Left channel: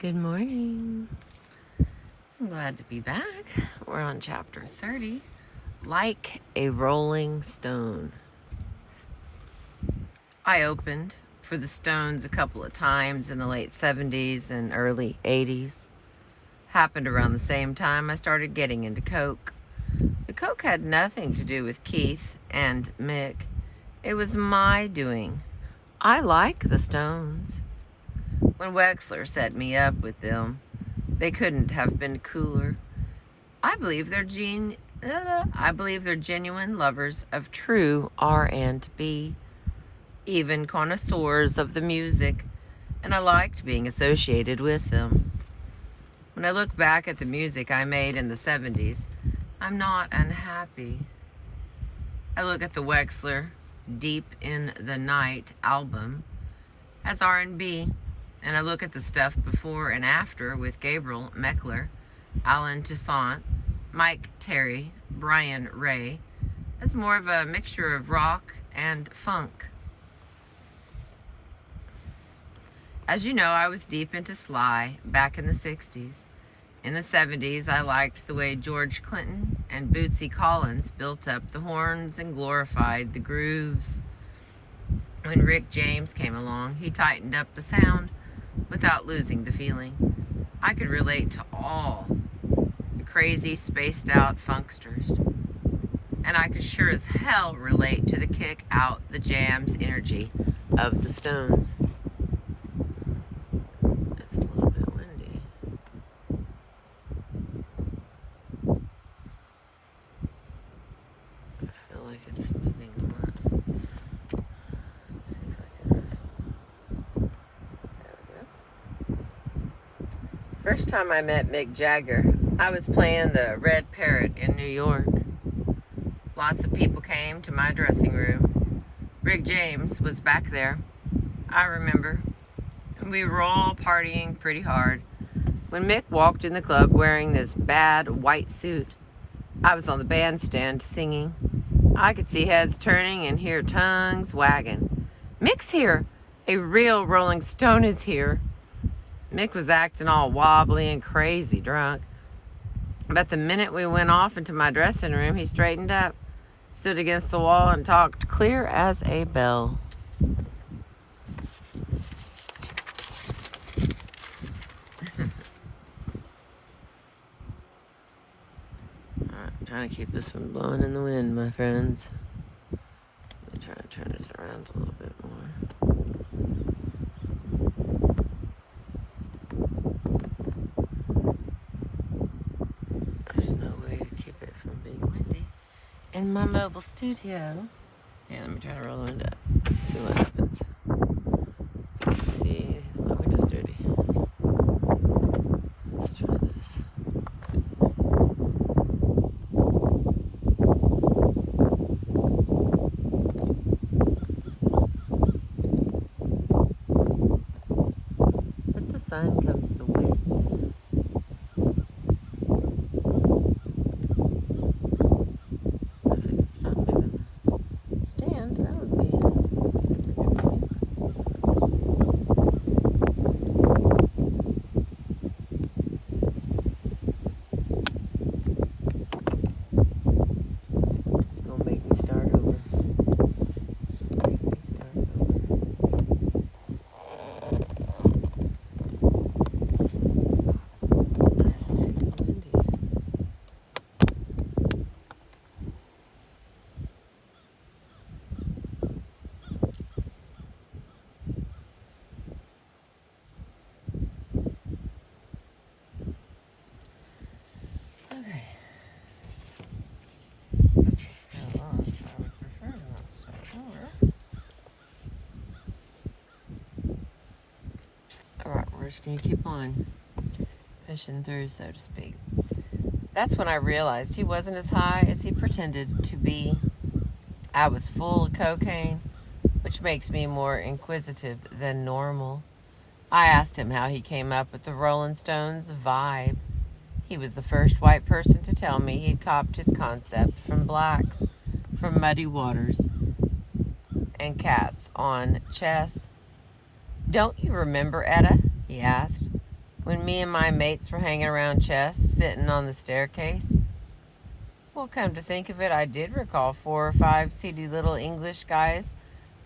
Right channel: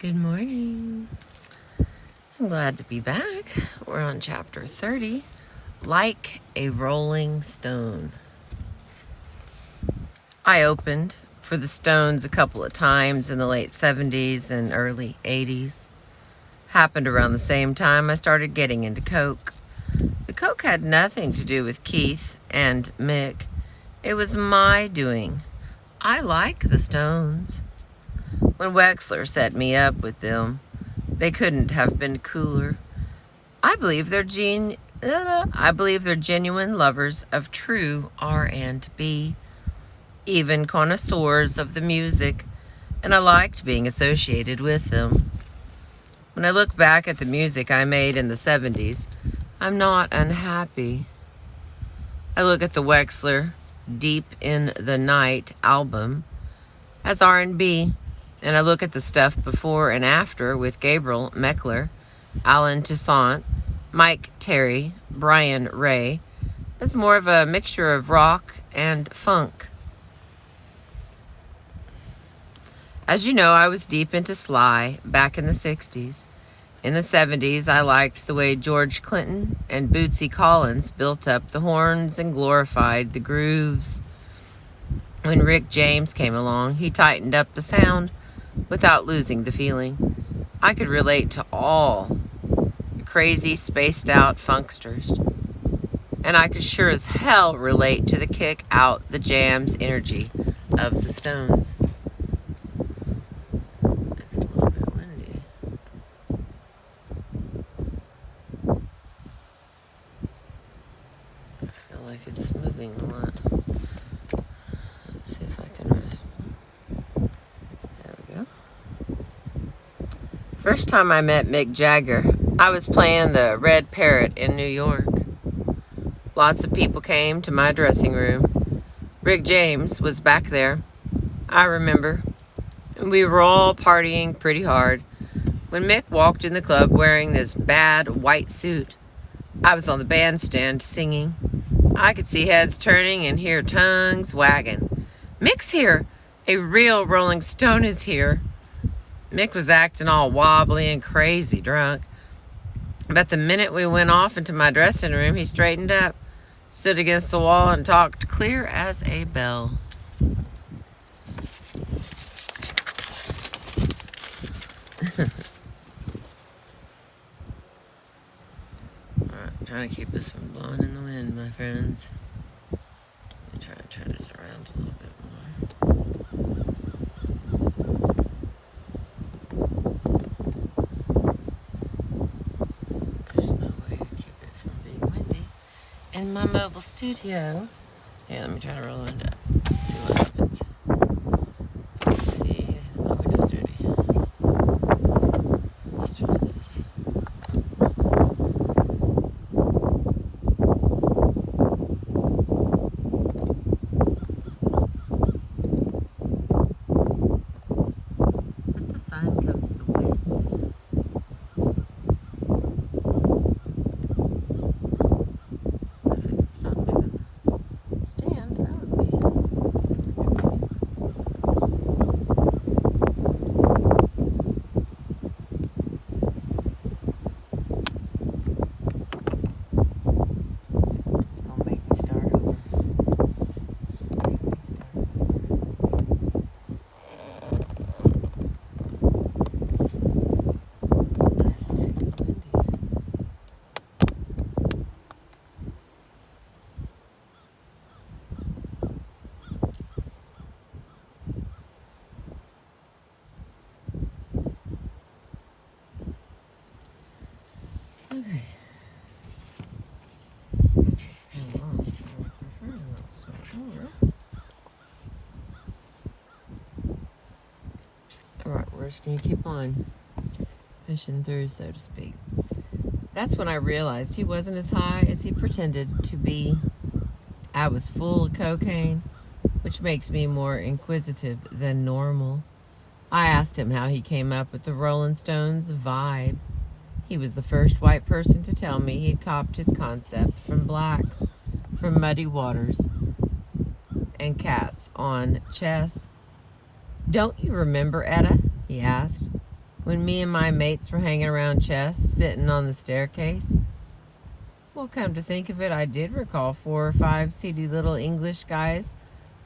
Good morning. I'm glad to be back. We're on chapter 30, Like a Rolling Stone. I opened for the Stones a couple of times in the late 70s and early 80s. Happened around the same time I started getting into Coke. The Coke had nothing to do with Keith and Mick. It was my doing. I like the Stones. When Wexler set me up with them, they couldn't have been cooler. I believe they're genuine lovers of true R&B, even connoisseurs of the music, and I liked being associated with them. When I look back at the music I made in the 70s, I'm not unhappy. I look at the Wexler Deep in the Night album as R&B, and I look at the stuff before and after with Gabriel Meckler, Alan Toussaint, Mike Terry, Brian Ray, as more of a mixture of rock and funk. As you know, I was deep into Sly back in the 60s. In the 70s, I liked the way George Clinton and Bootsy Collins built up the horns and glorified the grooves. When Rick James came along, he tightened up the sound without losing the feeling. I could relate to all the crazy, spaced-out funksters. And I could sure as hell relate to the kick-out, the jams energy of the Stones. It's a little bit windy. I feel like it's moving a lot. Let's see if I can rest. There we go. First time I met Mick Jagger, I was playing the Red Parrot in New York. Lots of people came to my dressing room. Rick James was back there, I remember. And we were all partying pretty hard when Mick walked in the club wearing this bad white suit. I was on the bandstand singing. I could see heads turning and hear tongues wagging. Mick's here! A real Rolling Stone is here. Mick was acting all wobbly and crazy drunk. But the minute we went off into my dressing room, he straightened up, stood against the wall, and talked clear as a bell. Alright, I'm trying to keep this from blowing in the wind, my friends. Let me try to turn this around a little bit more. There's no way to keep it from being windy in my mobile studio. Here, let me try to roll it up. See what happens. Let's see. My window's dirty. Let's try this. With the sun comes the wind. If it could stop moving the stand, that would be super good. It's gonna make me start over. Make me start over. That's too windy. Okay. This is kind of long, so I prefer to not start over. Alright, we're just gonna keep on pushing through, so to speak. That's when I realized he wasn't as high as he pretended to be. I was full of cocaine, which makes me more inquisitive than normal. I asked him how he came up with the Rolling Stones vibe. He was the first white person to tell me he'd copped his concept from blacks, from Muddy Waters and Cats on Chess. Don't you remember, Etta? He asked. when me and my mates were hanging around chess, sitting on the staircase. Well, come to think of it, I did recall 4 or 5 seedy little English guys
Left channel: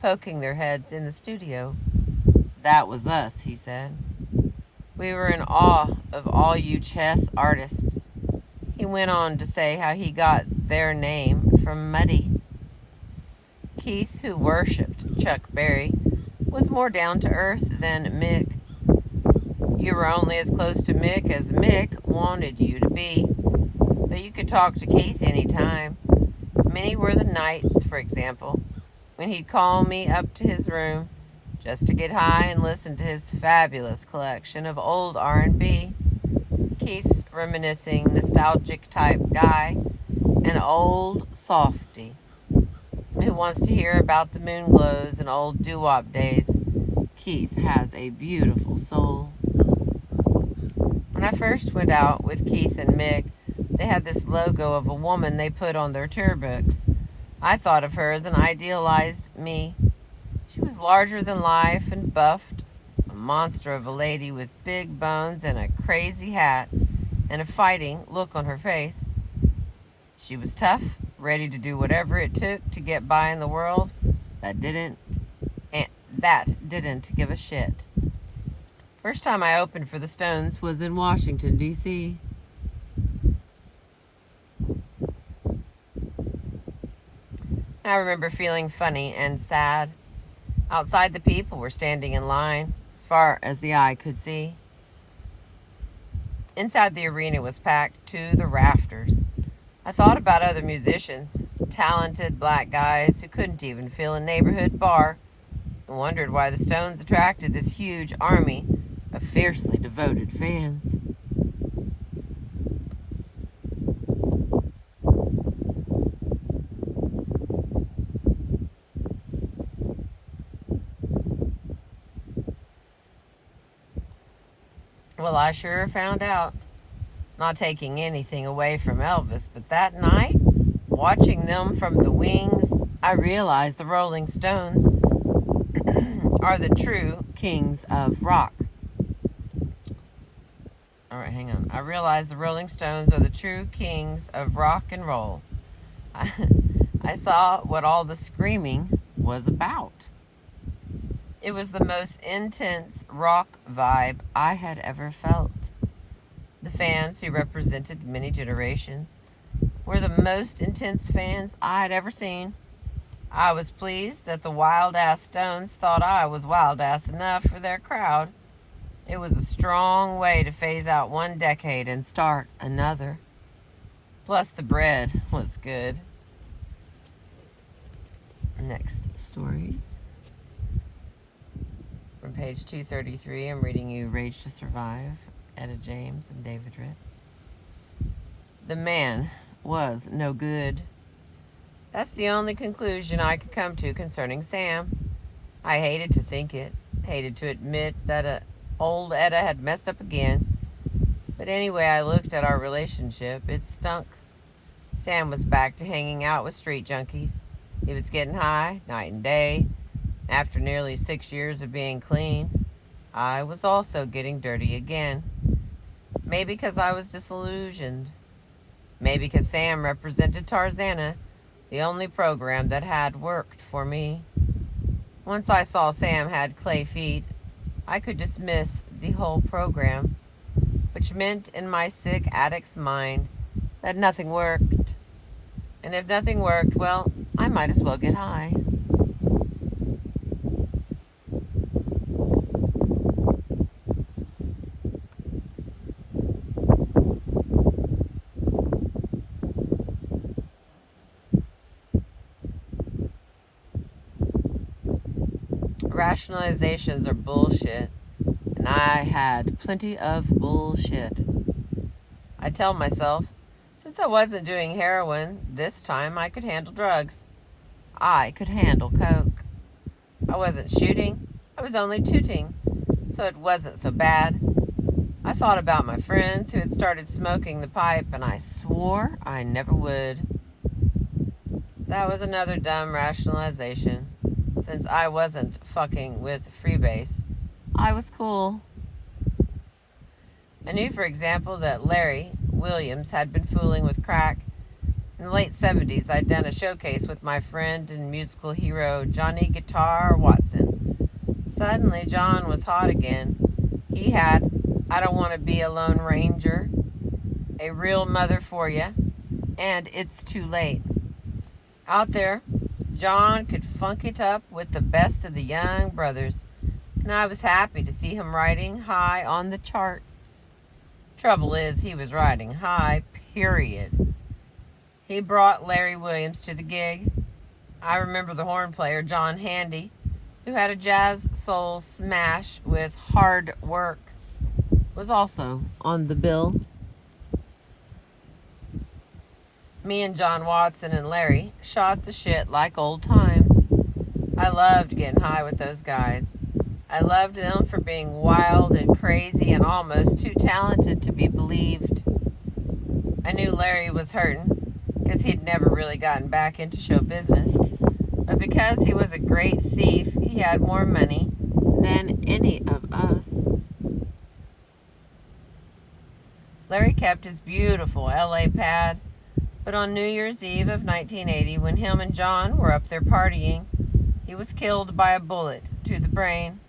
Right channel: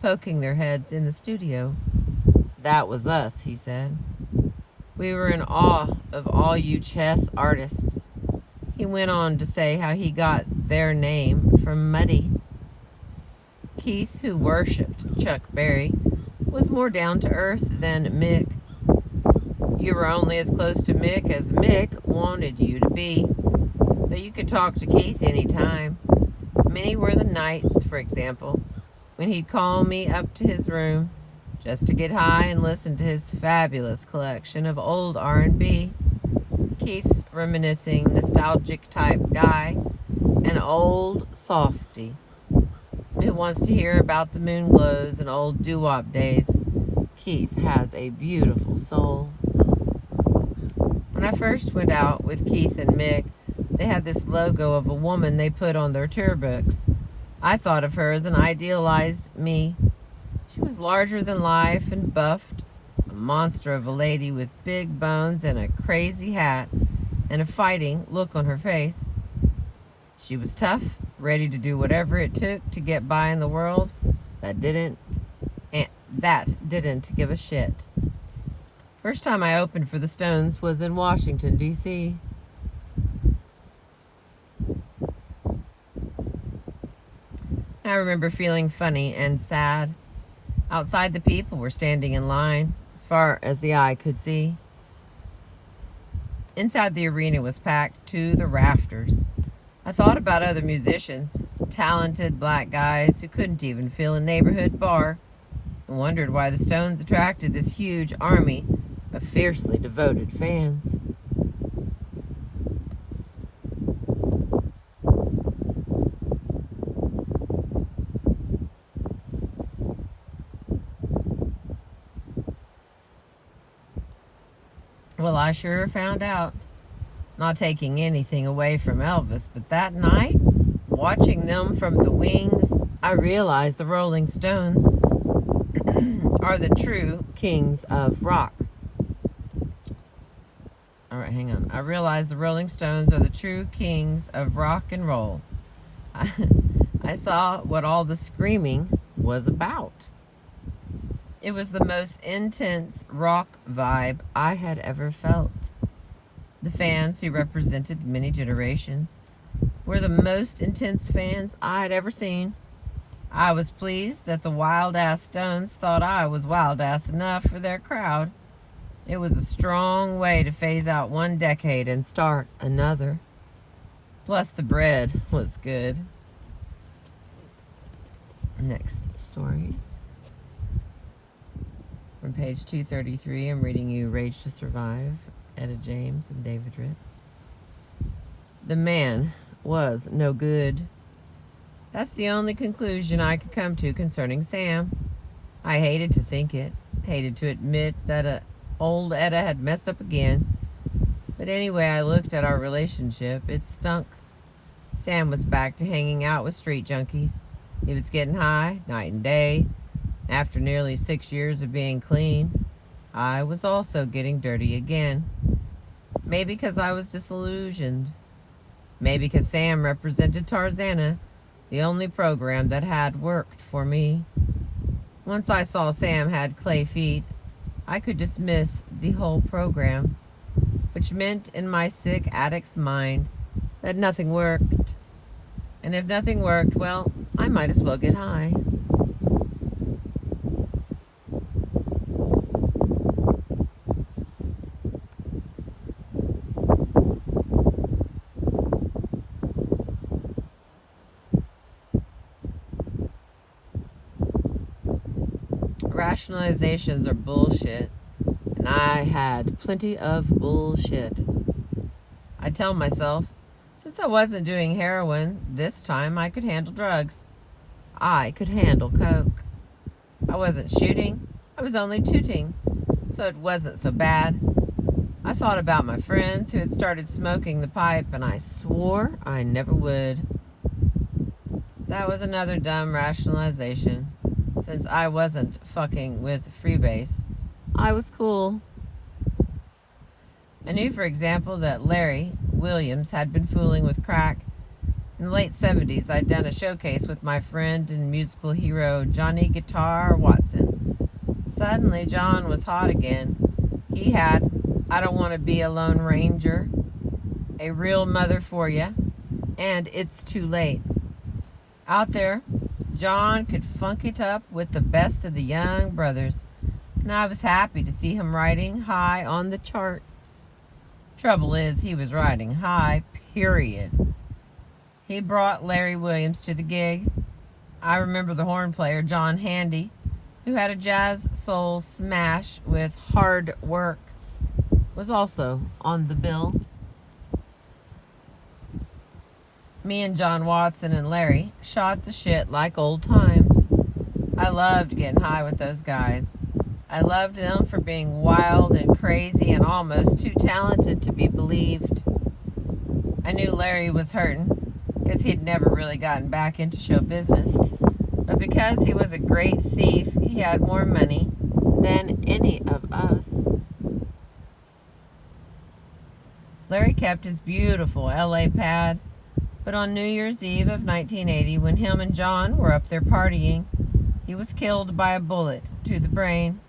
poking their heads in the studio. That was us, he said. We were in awe of all you chess artists. He went on to say how he got their name from Muddy. Keith, who worshipped Chuck Berry, was more down to earth than Mick. You were only as close to Mick as Mick wanted you to be, but you could talk to Keith any time. Many were the nights, for example, when he'd call me up to his room just to get high and listen to his fabulous collection of old R&B. Keith's reminiscing, nostalgic type guy, an old softy who wants to hear about the moon glows and old doo-wop days. Keith has a beautiful soul. When I first went out with Keith and Mick, they had this logo of a woman they put on their tour books. I thought of her as an idealized me. She was larger than life and buffed, a monster of a lady with big bones and a crazy hat and a fighting look on her face. She was tough, ready to do whatever it took to get by in the world that didn't give a shit. First time I opened for the Stones was in Washington, D.C. I remember feeling funny and sad. Outside, the people were standing in line as far as the eye could see. Inside, the arena was packed to the rafters. I thought about other musicians, talented black guys who couldn't even fill a neighborhood bar, and wondered why the Stones attracted this huge army of fiercely devoted fans. Well, I sure found out. Not taking anything away from Elvis, but that night, watching them from the wings, I realized the Rolling Stones are the true kings of rock. All right, hang on. I realized the Rolling Stones are the true kings of rock and roll. I saw what all the screaming was about. It was the most intense rock vibe I had ever felt. The fans, who represented many generations, were the most intense fans I'd ever seen. I was pleased that the wild-ass Stones thought I was wild-ass enough for their crowd. It was a strong way to phase out one decade and start another. Plus, the bread was good. Next story. From page 233, I'm reading you Rage to Survive, Etta James and David Ritz. The man was no good. That's the only conclusion I could come to concerning Sam. I hated to think it, hated to admit that old Etta had messed up again. But anyway, I looked at our relationship. It stunk. Sam was back to hanging out with street junkies. He was getting high, night and day. After nearly 6 years of being clean, I was also getting dirty again. Maybe because I was disillusioned. Maybe because Sam represented Tarzana, the only program that had worked for me. Once I saw Sam had clay feet, I could dismiss the whole program, which meant in my sick addict's mind that nothing worked. And if nothing worked, well, I might as well get high. Rationalizations are bullshit, and I had plenty of bullshit. I tell myself, since I wasn't doing heroin, this time I could handle drugs. I could handle coke. I wasn't shooting, I was only tooting, so it wasn't so bad. I thought about my friends who had started smoking the pipe, and I swore I never would. That was another dumb rationalization. Since I wasn't fucking with Freebase, I was cool. I knew, for example, that Larry Williams had been fooling with crack. In the late 70s, I'd done a showcase with my friend and musical hero, Johnny Guitar Watson. Suddenly, John was hot again. He had I Don't Want to Be a Lone Ranger, A Real Mother for Ya, and It's Too Late. Out there, John could funk it up with the best of the young brothers, and I was happy to see him riding high on the charts. Trouble is, he was riding high, period. He brought Larry Williams to the gig. I remember the horn player, John Handy, who had a jazz soul smash with Hard Work, was also on the bill. Me and John Watson and Larry shot the shit like old times. I loved getting high with those guys. I loved them for being wild and crazy and almost too talented to be believed. I knew Larry was hurting because he'd never really gotten back into show business. But because he was a great thief, he had more money than any of us. Larry kept his beautiful LA pad, but on New Year's Eve of 1980, when him and John were up there partying, he was killed by a bullet to the brain.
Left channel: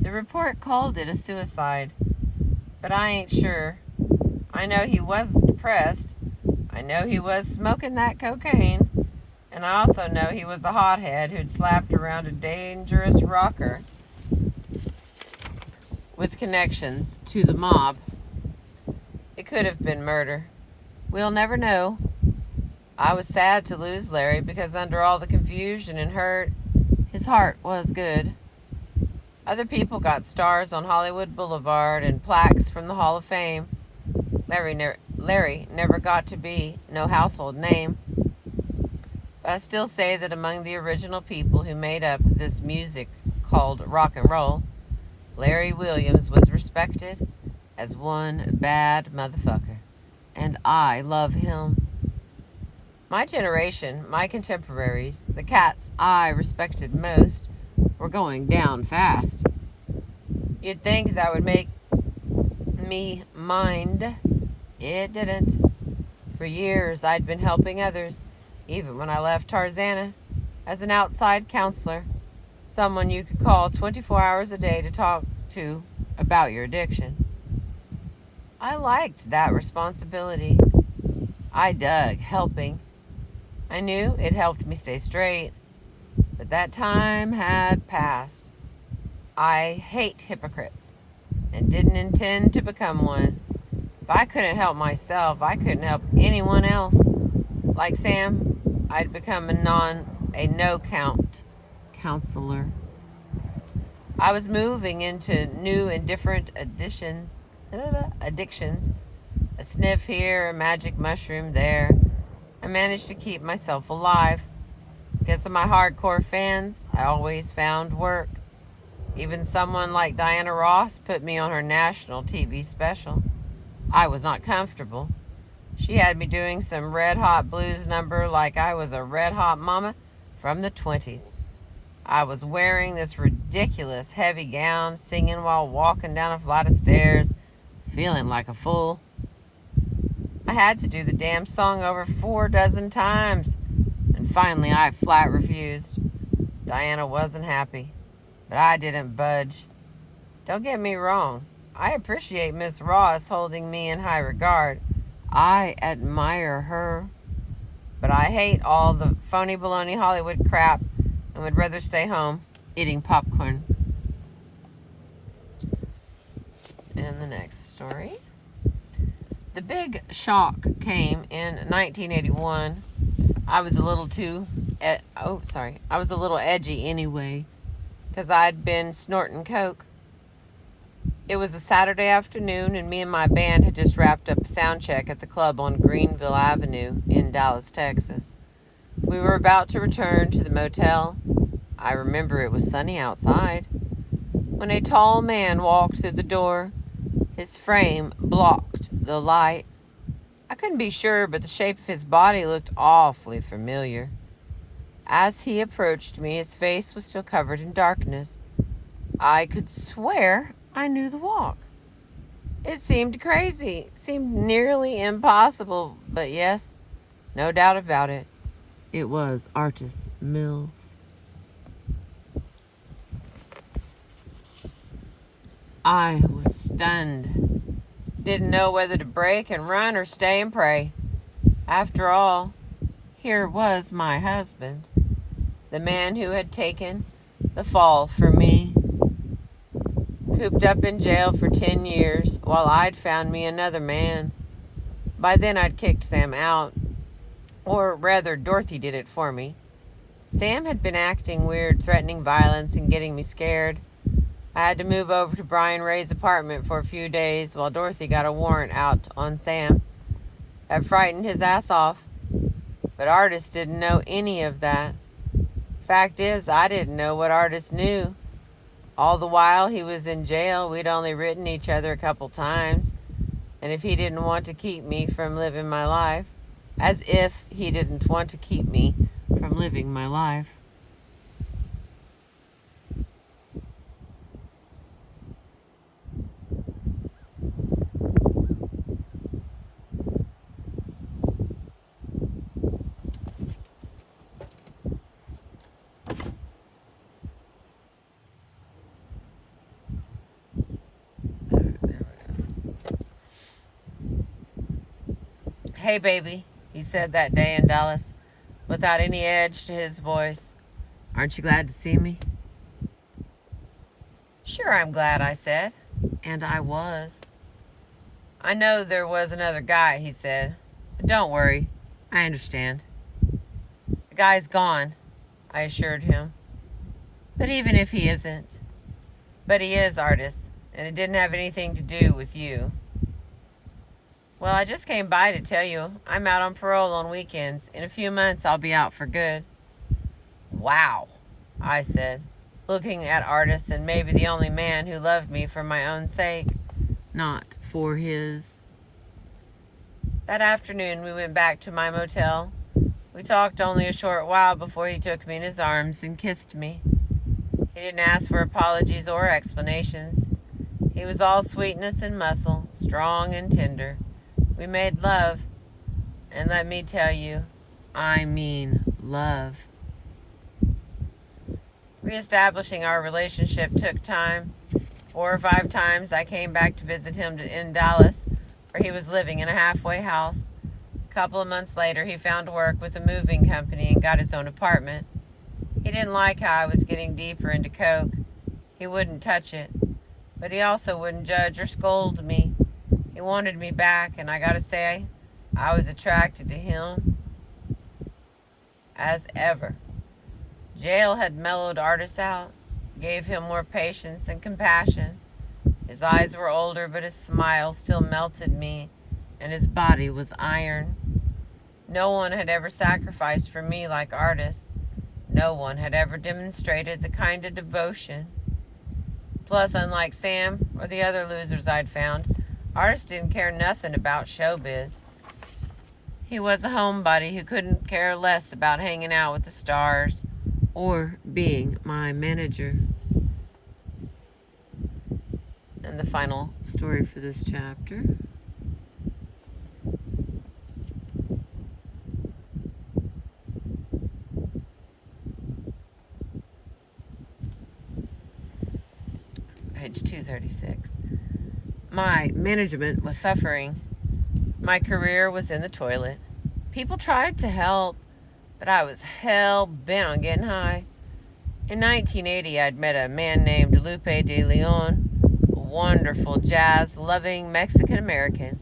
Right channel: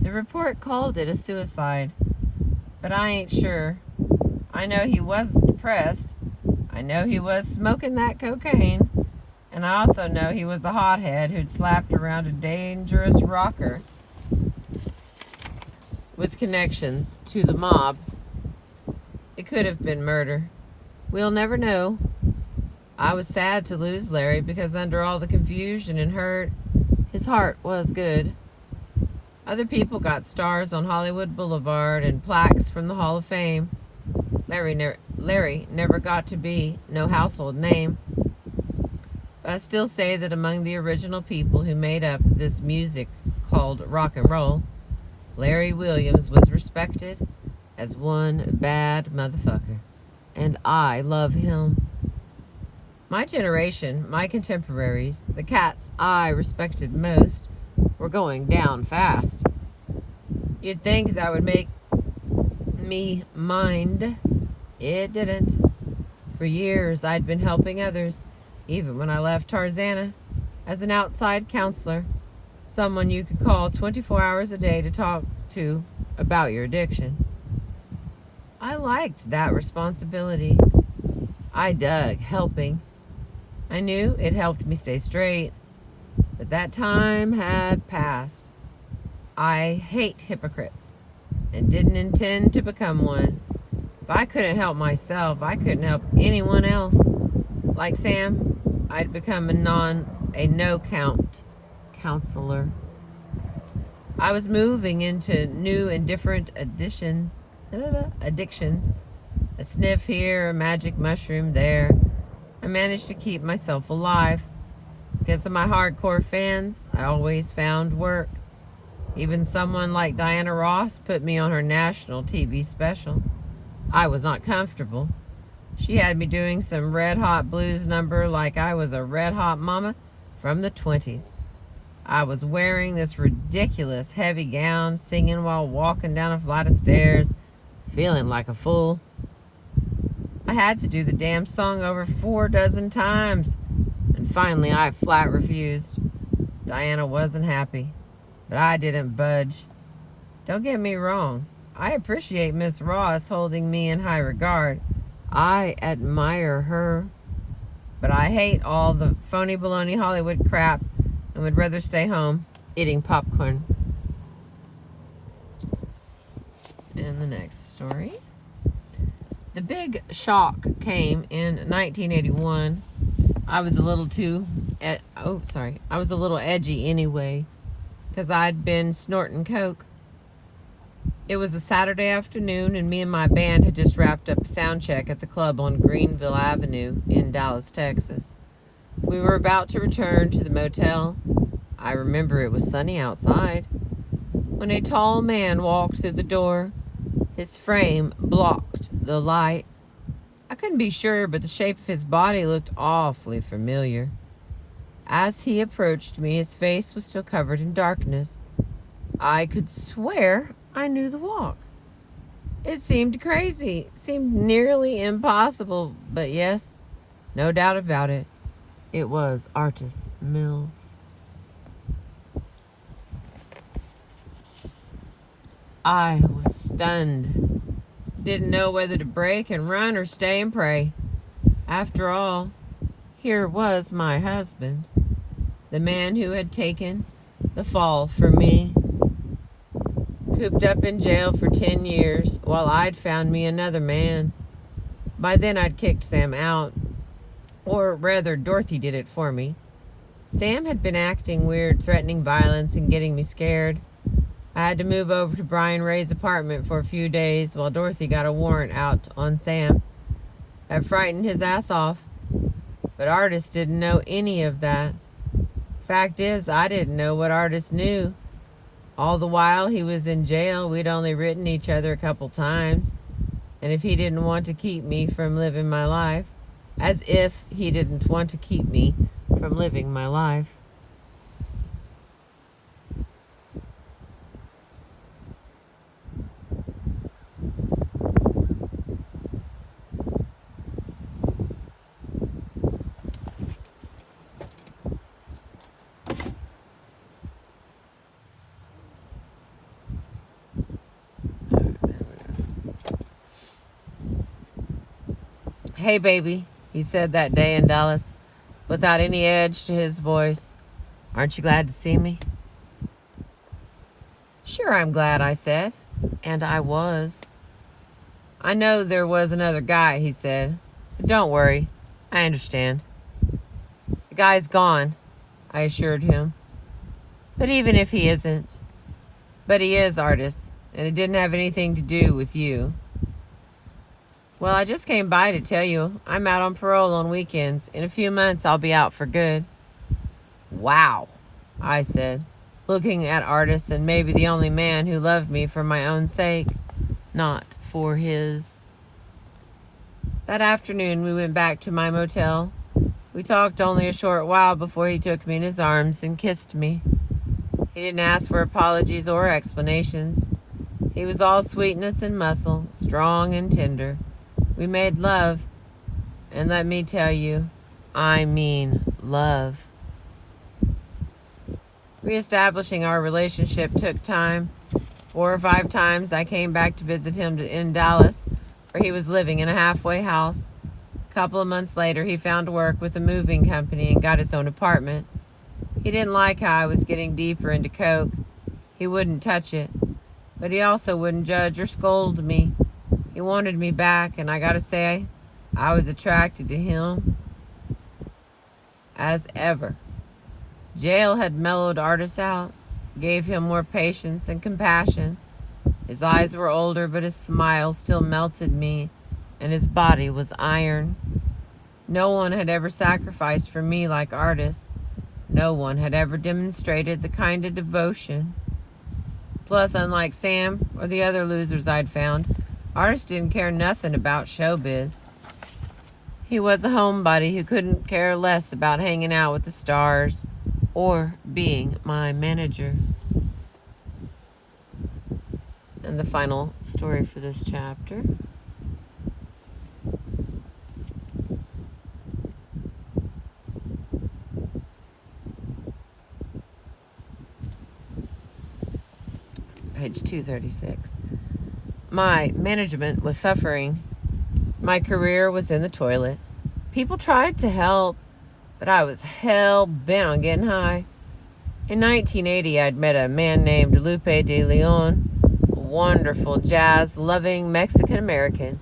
The report called it a suicide, but I ain't sure. I know he was depressed. I know he was smoking that cocaine. And I also know he was a hothead who'd slapped around a dangerous rocker with connections to the mob. It could have been murder. We'll never know. I was sad to lose Larry because under all the confusion and hurt, his heart was good. Other people got stars on Hollywood Boulevard and plaques from the Hall of Fame. Larry never got to be no household name. But I still say that among the original people who made up this music called rock and roll, Larry Williams was respected as one bad motherfucker. And I love him. My generation, my contemporaries, the cats I respected most, were going down fast. You'd think that would make me mind. It didn't. For years, I'd been helping others, even when I left Tarzana, as an outside counselor, someone you could call 24 hours a day to talk to about your addiction. I liked that responsibility. I dug helping. I knew it helped me stay straight, but that time had passed. I hate hypocrites and didn't intend to become one. If I couldn't help myself, I couldn't help anyone else. Like Sam, I'd become a no-count counselor. I was moving into new and different addictions. A sniff here, a magic mushroom there. I managed to keep myself alive. Because of my hardcore fans, I always found work. Even someone like Diana Ross put me on her national TV special. I was not comfortable. She had me doing some red hot blues number like I was a red hot mama from the 20s. I was wearing this ridiculous heavy gown, singing while walking down a flight of stairs, feeling like a fool. I had to do the damn song over 4 dozen times, and finally I flat refused. Diana wasn't happy, but I didn't budge. Don't get me wrong, I appreciate Miss Ross holding me in high regard. I admire her, but I hate all the phony baloney Hollywood crap and would rather stay home eating popcorn. And the next story. The big shock came in 1981. I was a little edgy anyway, because I'd been snorting coke. It was a Saturday afternoon, and me and my band had just wrapped up a sound check at the club on Greenville Avenue in Dallas, Texas. We were about to return to the motel. I remember it was sunny outside, when a tall man walked through the door. His frame blocked the light. I couldn't be sure, but the shape of his body looked awfully familiar. As he approached me, his face was still covered in darkness. I could swear I knew the walk. It seemed crazy, seemed nearly impossible, but yes, no doubt about it, it was Artis Mills. I was stunned. Didn't know whether to break and run or stay and pray. After all, here was my husband, the man who had taken the fall for me. Cooped up in jail for 10 years while I'd found me another man. By then I'd kicked Sam out, or rather Dorothy did it for me. Sam had been acting weird, threatening violence and getting me scared. I had to move over to Brian Ray's apartment for a few days while Dorothy got a warrant out on Sam. That frightened his ass off, but Artis didn't know any of that. Fact is, I didn't know what Artis knew. All the while he was in jail, we'd only written each other a couple times, and if he didn't want to keep me from living my life, as if he didn't want to keep me from living my life. Hey, baby, he said that day in Dallas, without any edge to his voice. Aren't you glad to see me? Sure, I'm glad, I said. And I was. I know there was another guy, he said. But don't worry, I understand. The guy's gone, I assured him. But even if he isn't, but he is, Artis, and it didn't have anything to do with you. Well, I just came by to tell you I'm out on parole on weekends. In a few months, I'll be out for good. Wow, I said, looking at Artis and maybe the only man who loved me for my own sake, not for his. That afternoon, we went back to my motel. We talked only a short while before he took me in his arms and kissed me. He didn't ask for apologies or explanations. He was all sweetness and muscle, strong and tender. We made love, and let me tell you, I mean love. Reestablishing our relationship took time. 4 or 5 times I came back to visit him in Dallas, where he was living in a halfway house. A couple of months later, he found work with a moving company and got his own apartment. He didn't like how I was getting deeper into coke. He wouldn't touch it, but he also wouldn't judge or scold me. He wanted me back, and I gotta say, I was attracted to him as ever. Jail had mellowed Artis out, gave him more patience and compassion. His eyes were older, but his smile still melted me, and his body was iron. No one had ever sacrificed for me like Artis. No one had ever demonstrated the kind of devotion. Plus, unlike Sam or the other losers I'd found, Artis didn't care nothing about showbiz. He was a homebody who couldn't care less about hanging out with the stars or being my manager. And the final story for this chapter. Page 236. My management was suffering. My career was in the toilet. People tried to help, but I was hell-bent on getting high. In 1980, I'd met a man named Lupe de Leon, a wonderful jazz-loving Mexican-American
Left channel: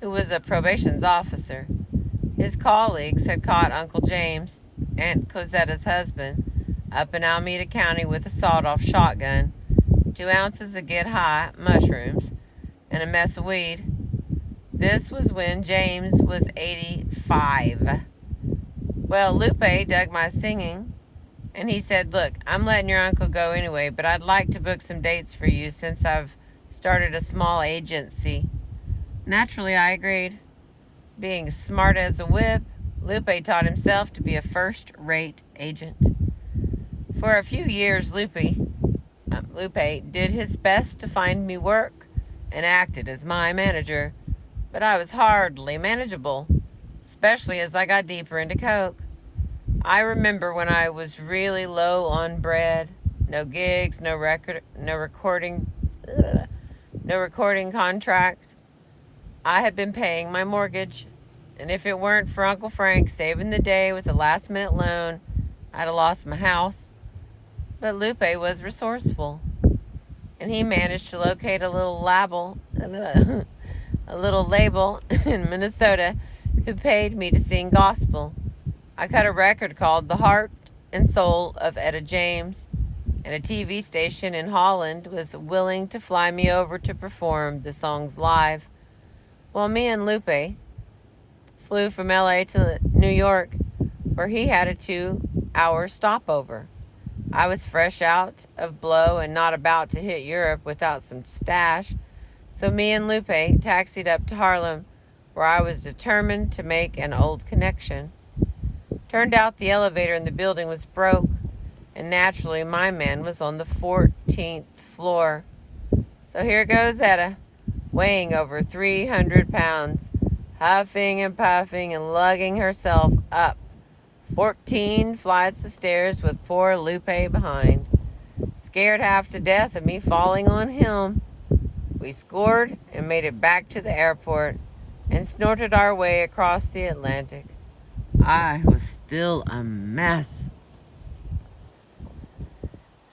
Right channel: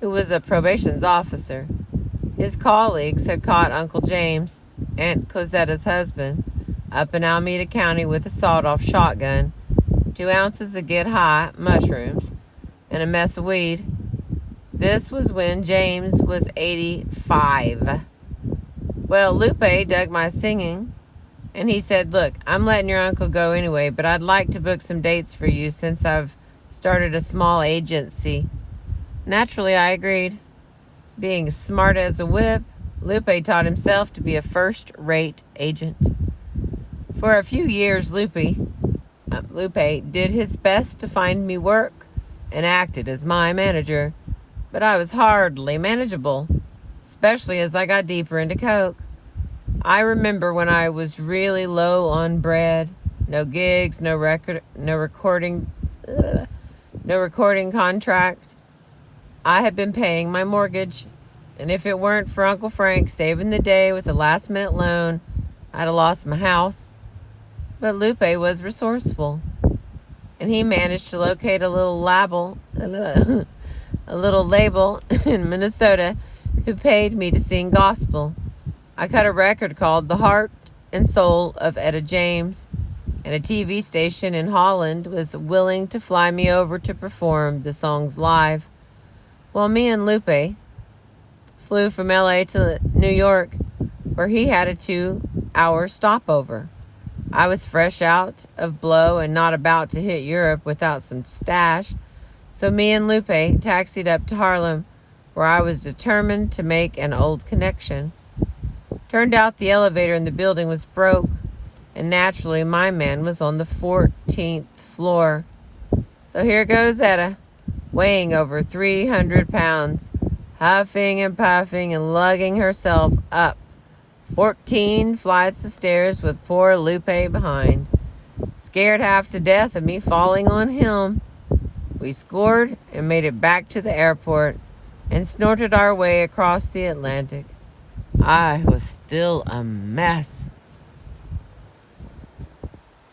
who was a probations officer. His colleagues had caught Uncle James, Aunt Cosetta's husband, up in Alameda County with a sawed-off shotgun, 2 ounces of get-high mushrooms, and a mess of weed. This was when James was 85. Well, Lupe dug my singing, and he said, "Look, I'm letting your uncle go anyway, but I'd like to book some dates for you since I've started a small agency." Naturally, I agreed. Being smart as a whip, Lupe taught himself to be a first-rate agent. For a few years, Lupe did his best to find me work, and acted as my manager, but I was hardly manageable, especially as I got deeper into coke. I remember when I was really low on bread, no gigs, no recording contract. I had been paying my mortgage, and if it weren't for Uncle Frank saving the day with a last-minute loan, I'd have lost my house. But Lupe was resourceful, and he managed to locate a little label in Minnesota who paid me to sing gospel. I cut a record called The Heart and Soul of Etta James, and a TV station in Holland was willing to fly me over to perform the songs live. While me and Lupe flew from LA to New York, where he had a 2-hour stopover. I was fresh out of blow and not about to hit Europe without some stash, so me and Lupe taxied up to Harlem, where I was determined to make an old connection. Turned out the elevator in the building was broke, and naturally my man was on the 14th floor. So here goes Etta, weighing over 300 pounds, huffing and puffing and lugging herself up 14 flights of stairs with poor Lupe behind, scared half to death of me falling on him. We scored and made it back to the airport and snorted our way across the Atlantic. I was still a mess.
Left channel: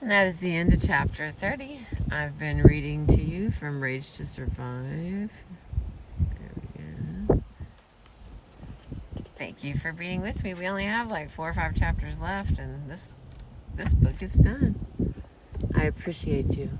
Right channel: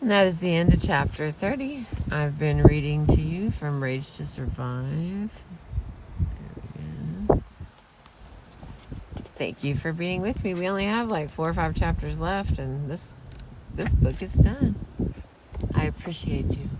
And that is the end of chapter 30. I've been reading to you from Rage to Survive. There we go. Thank you for being with me. We only have like 4 or 5 chapters left, and this book is done. I appreciate you.